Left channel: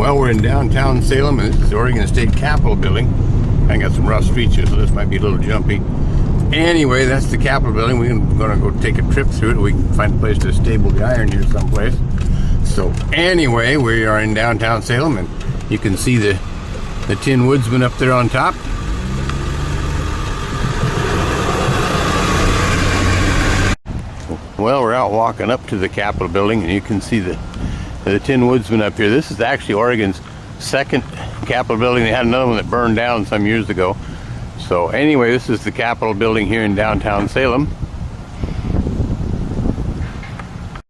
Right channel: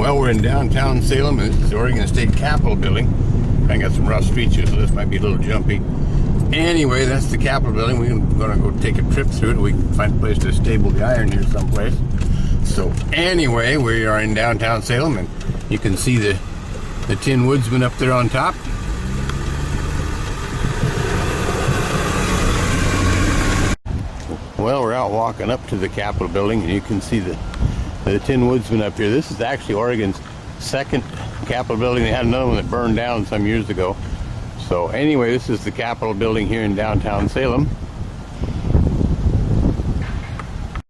Well, we're in downtown Salem, and this is the Oregon State Capitol building. I got some rough streets here, so this might be a little jumpy. Anyway, that's the Capitol building. We're going to go take a trip through it. We can find a place to stable the iron here someplace. So anyway, we are in downtown Salem, and you can see the Tin Woodsman up there on top. Well, we're out walking up to the Capitol building, and you can see the Tin Woodsman up here. This is actually Oregon's second Capitol building. They had another one that burned down some years ago. So anyway, this is the Capitol building here in downtown Salem.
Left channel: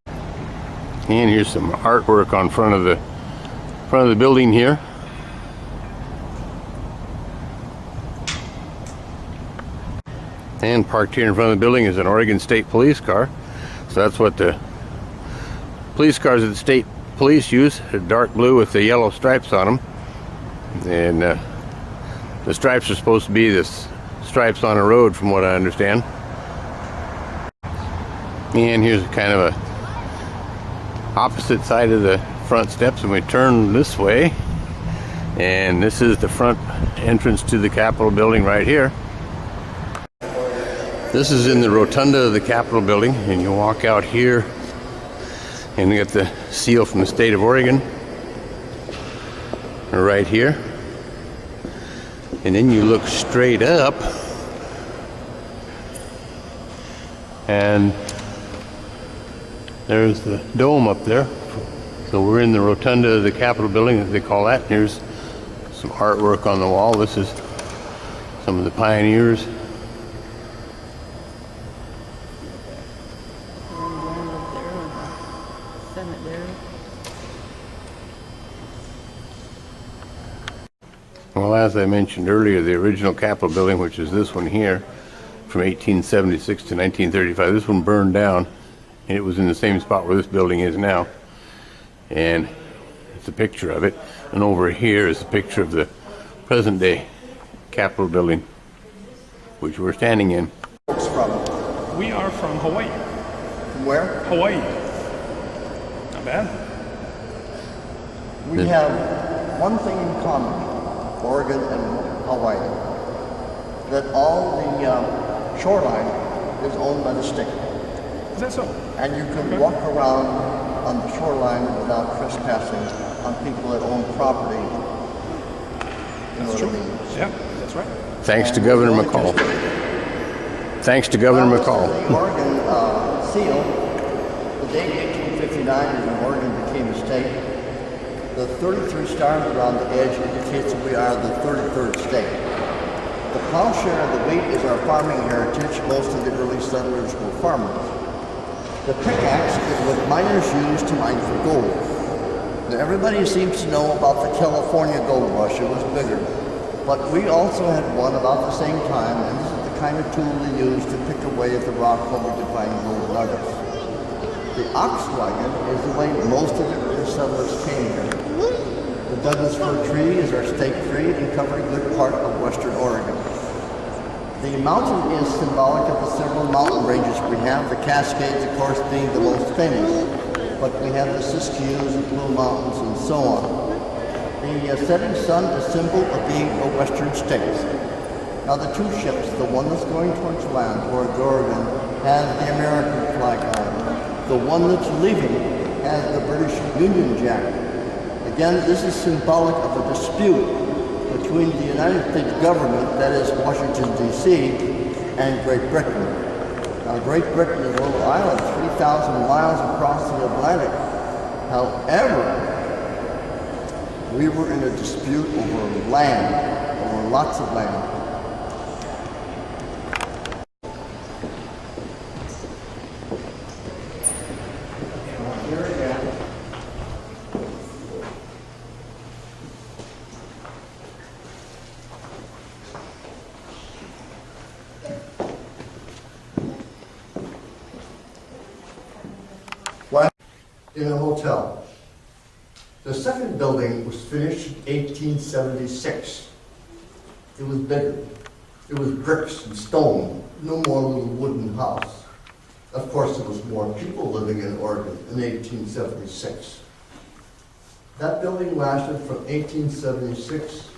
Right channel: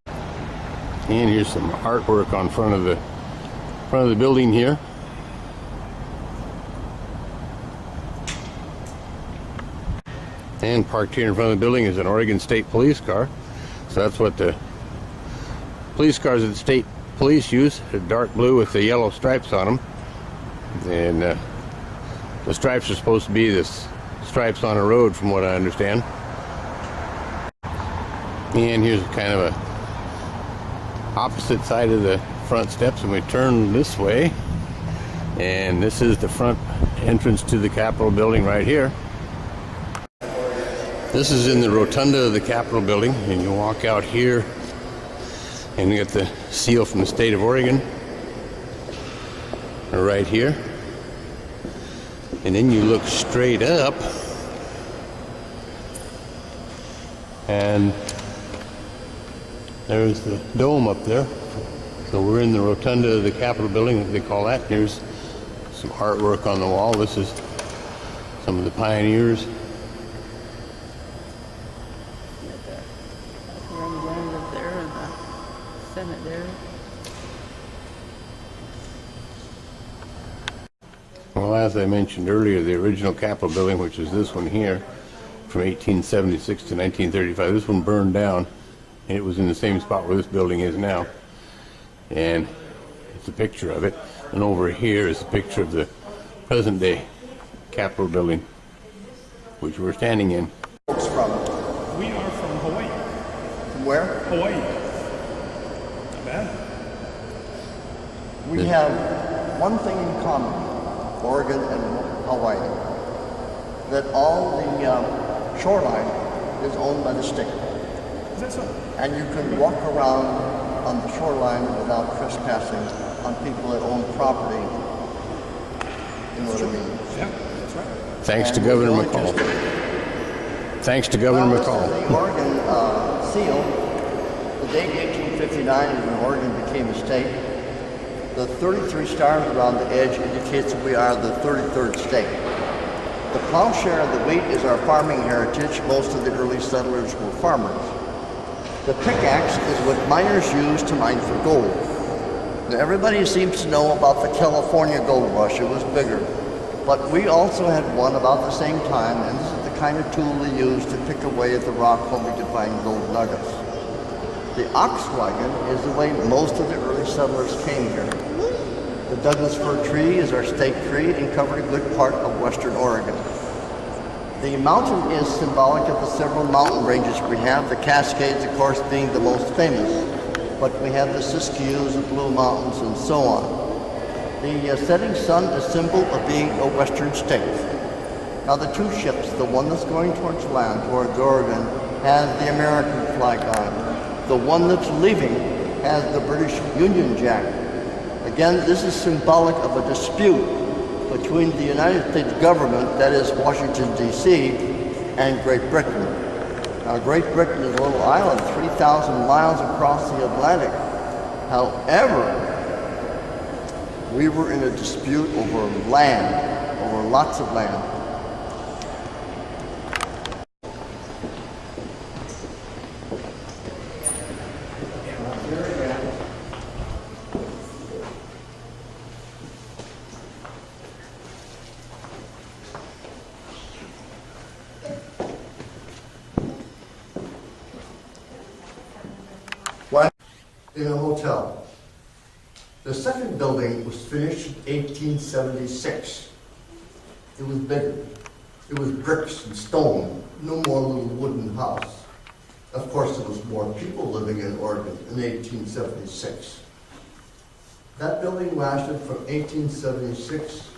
And here's some artwork on front of the building here. And parked here in front of the building is an Oregon State Police car. So that's what the police cars that the state police use. They're dark blue with the yellow stripes on them. And the stripes are supposed to be the stripes on a road, from what I understand. And here's kind of a opposite side of the front steps, and we turn this way. And this is the front entrance to the Capitol building right here. This is in the rotunda of the Capitol building, and you walk out here and you get the seal from the state of Oregon right here. And then you look straight up, and there's the dome up there. So we're in the rotunda of the Capitol building, as they call that. Here's some artwork on the wall. This is some of the pioneers. Well, as I mentioned earlier, the original Capitol building, which is this one here, from 1876 to 1935, this one burned down, and it was in the same spot where this building is now. And it's a picture of it. And over here is a picture of the present-day Capitol building, which we're standing in. Folks from? We are from Hawaii. From where? Hawaii. Not bad. We have one thing in common, Oregon and Hawaii, that all the shoreline is owned by the state. Is that so? And you can walk around on the shoreline without trespassing on people that own property. You know what I mean? Yeah, that's right. Thanks to Governor McCall. Thanks to Governor McCall. The Oregon seal, the date 1859 is when Oregon became a state. The 33 stars around the edge indicates that we are the 33rd state. The plowshare of the wheat is our farming heritage. Most of the early settlers were farmers. The pickaxe is what miners used to mine for gold. Now, everybody seems to know about the California gold rush. It was bigger. But we also had one about the same time, and this is the kind of tool they used to pick away at the rock hoping to find gold nuggets. The ox wagon is the way most of the early settlers came here. The Douglas fir tree is our state tree and covers a good part of western Oregon. The mountain is symbolic of the several mountain ranges we have, the Cascades, of course, being the most famous. But we have the Siskiyous, the Blue Mountains, and so on. The setting sun is a symbol of being a western state. Now the two ships, the one that's going towards land, towards Oregon, has the American flag on it. The one that's leaving has the British Union Jack. Again, this is symbolic of a dispute between the United States government, that is Washington, D.C., and Great Britain. Now, Great Britain is a little island, 3,000 miles across the Atlantic. However, we were in a dispute over land, over lots of land. In a hotel. The second building was finished in 1876. It was bigger. It was bricks and stone, no more little wooden house. Of course, there was more people living in Oregon in 1876. That building lasted from 1876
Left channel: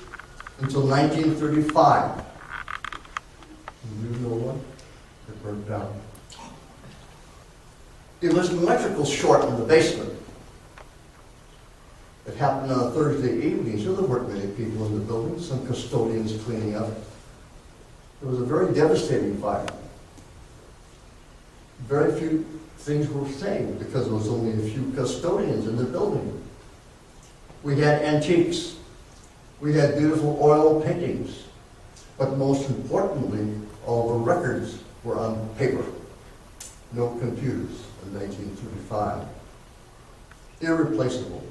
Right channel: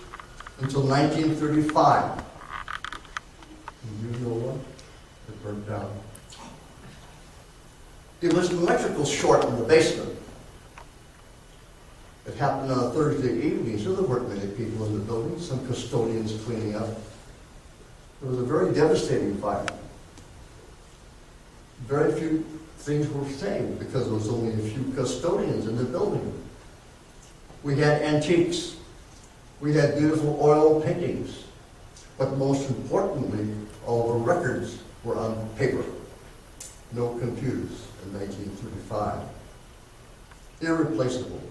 until 1935. And you know what? It burnt down. It was an electrical short in the basement. It happened on a Thursday evening, so there weren't many people in the building, some custodians cleaning up. It was a very devastating fire. Very few things were saved because there was only a few custodians in the building. We had antiques. We had beautiful oil paintings. But most importantly, all the records were on paper. No computers in 1935. Irreplaceable.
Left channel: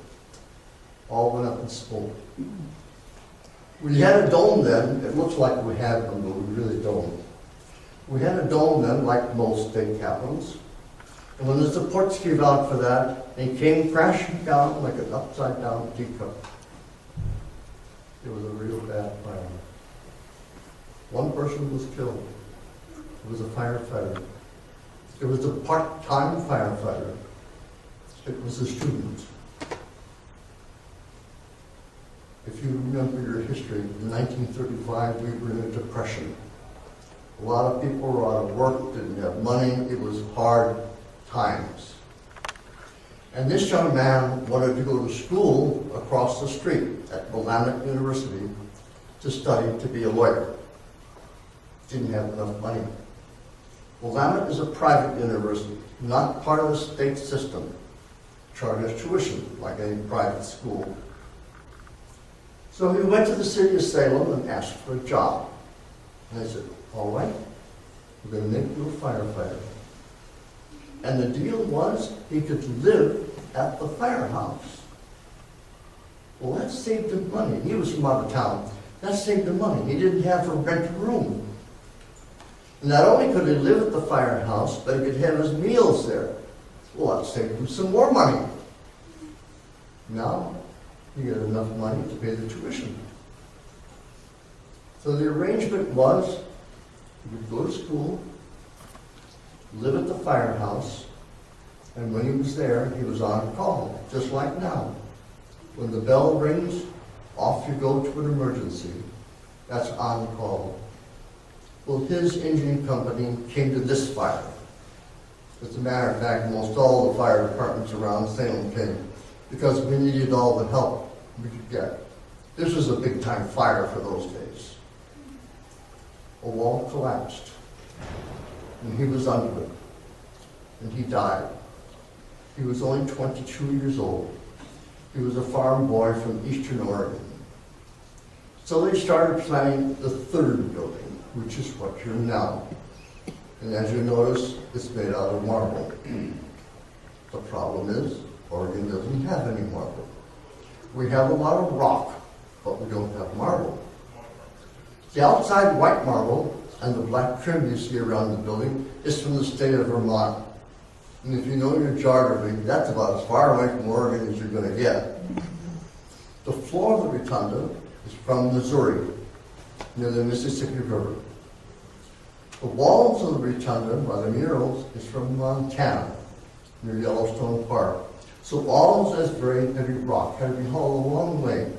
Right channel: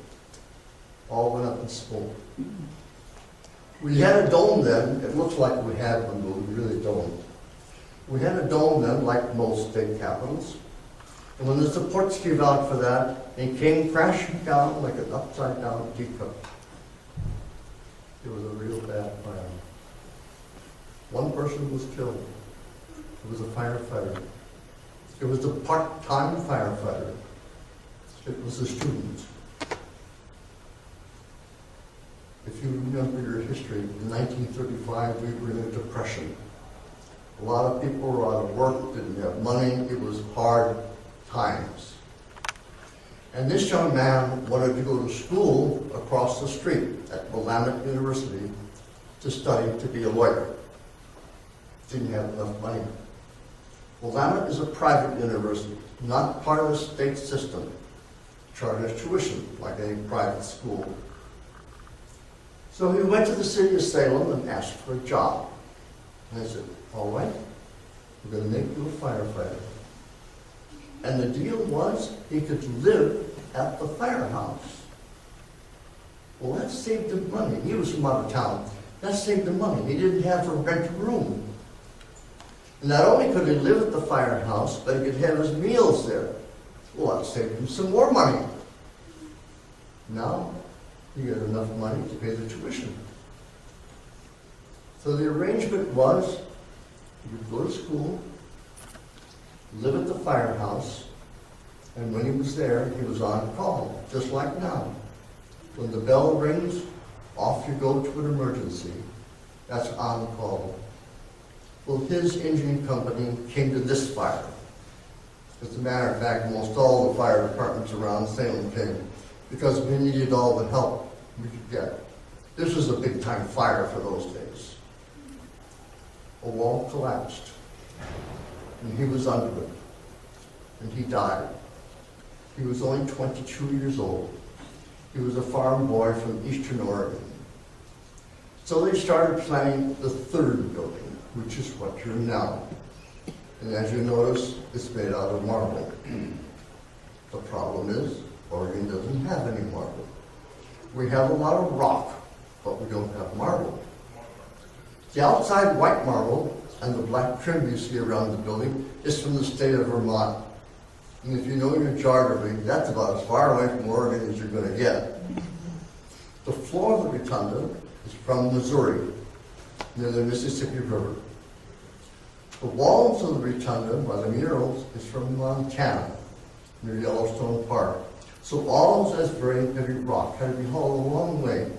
All went up in smoke. We had a dome then. It looks like we have one, but we really don't. We had a dome then, like most state capitals. And when the supports gave out for that, it came crashing down like an upside-down teacup. It was a real bad fire. One person was killed. It was a firefighter. It was a part-time firefighter. It was a student. If you remember your history, in 1935 we were in a depression. A lot of people were out of work, didn't have money. It was hard times. And this young man wanted to go to school across the street at Willamette University to study to be a lawyer. Didn't have enough money. Willamette is a private university, not part of the state system. Charges tuition like any private school. So he went to the city of Salem and asked for a job. And they said, all right, we're going to make you a firefighter. And the deal was he could live at the firehouse. Well, that saved him money. He was from out of town. That saved him money. He didn't have to rent a room. And not only could he live at the firehouse, but he could have his meals there. Well, that saved him some more money. Now, he got enough money to pay the tuition. So the arrangement was, he would go to school, live at the firehouse, and when he was there, he was on call, just like now. When the bell rings, off you go to an emergency. That's on call. Well, his engine company came to this fire. As a matter of fact, most all the fire departments around Salem came because we needed all the help we could get. This was a big time fire for those days. A wall collapsed, and he was under it, and he died. He was only 22 years old. He was a farm boy from Eastern Oregon. So they started planning the third building, which is what you're now. And as you notice, it's made out of marble. The problem is, Oregon doesn't have any marble. We have a lot of rock, but we don't have marble. The outside white marble and the black trim you see around the building is from the state of Vermont. And if you know your geography, that's about as far away from Oregon as you're going to get. The floor of the rotunda is from Missouri, near the Mississippi River. The walls of the rotunda, by the murals, is from Montana, near Yellowstone Park. So all of this very heavy rock had to be hauled a long way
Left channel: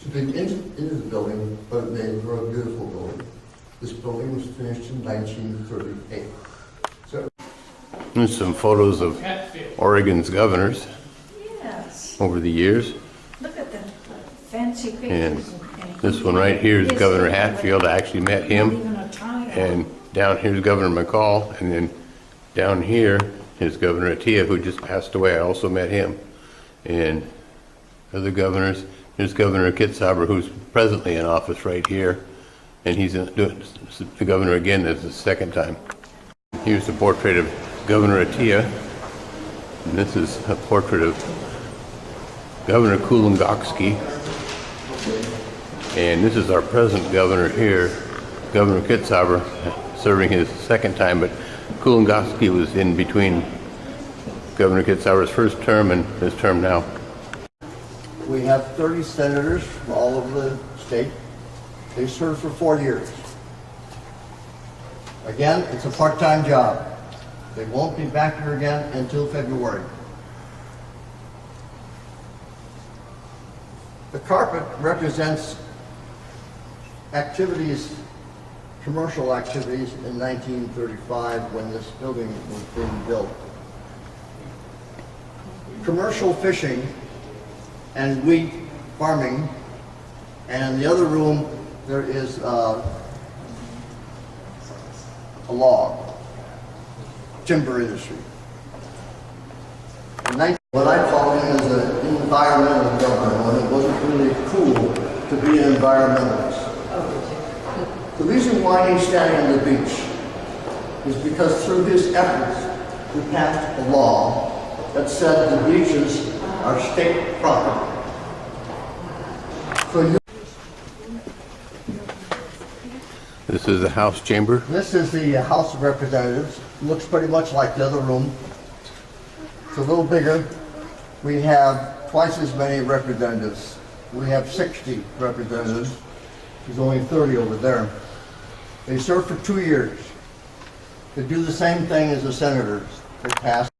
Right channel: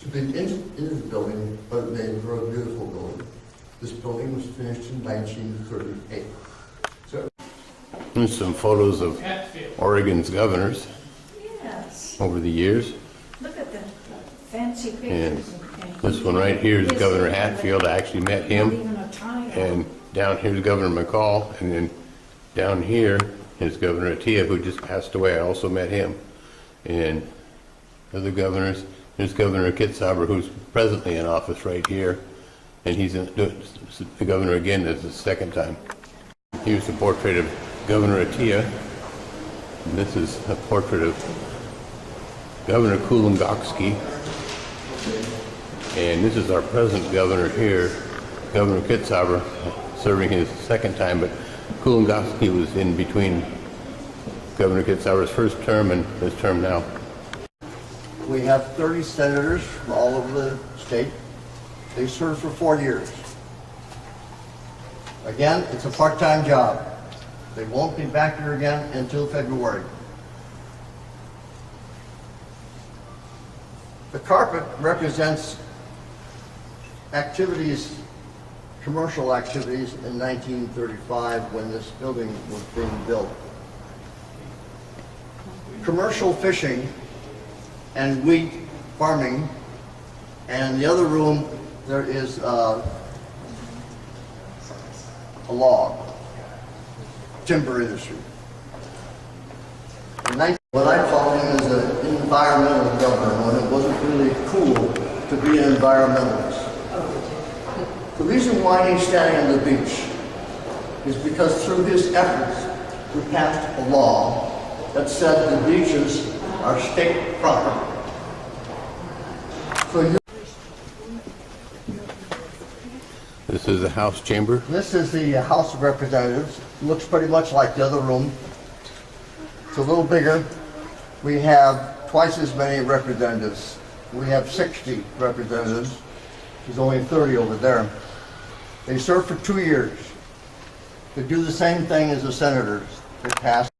to be into the building, but it made for a beautiful building. This building was finished in 1938. So, There's some photos of Oregon's governors Yes, over the years. look at the fancy And pictures. this one right here is Governor Hatfield. I actually met Not him. even a tie on. And down here's Governor McCall. And then down here is Governor Atiyeh, who just passed away. I also met him. And other governors, there's Governor Kitzhaber, who's presently in office right here. And he's the governor again. That's the second time. Here's a portrait of Governor Atiyeh. And this is a portrait of Governor Kulongoski. And this is our present governor here, Governor Kitzhaber, serving his second time, but Kulongoski was in between Governor Kitzhaber's first term and his term now. we have 30 senators from all over the state. They serve for 4 years. Again, it's a part-time job. They won't be back here again until February. The carpet represents activities, commercial activities in 1935 when this building was being built. Commercial fishing and wheat farming, and in the other room there is a log, timber industry. What I call him is an environmental governor, when it wasn't really cool to be an environmentalist. The reason why he's standing on the beach is because through his efforts, we passed a law that said the beaches are state property. So This is the House chamber. this is the House of Representatives. Looks pretty much like the other room. It's a little bigger. We have twice as many representatives. We have 60 representatives. There's only 30 over there. They serve for 2 years. They do the same thing as the senators. They pass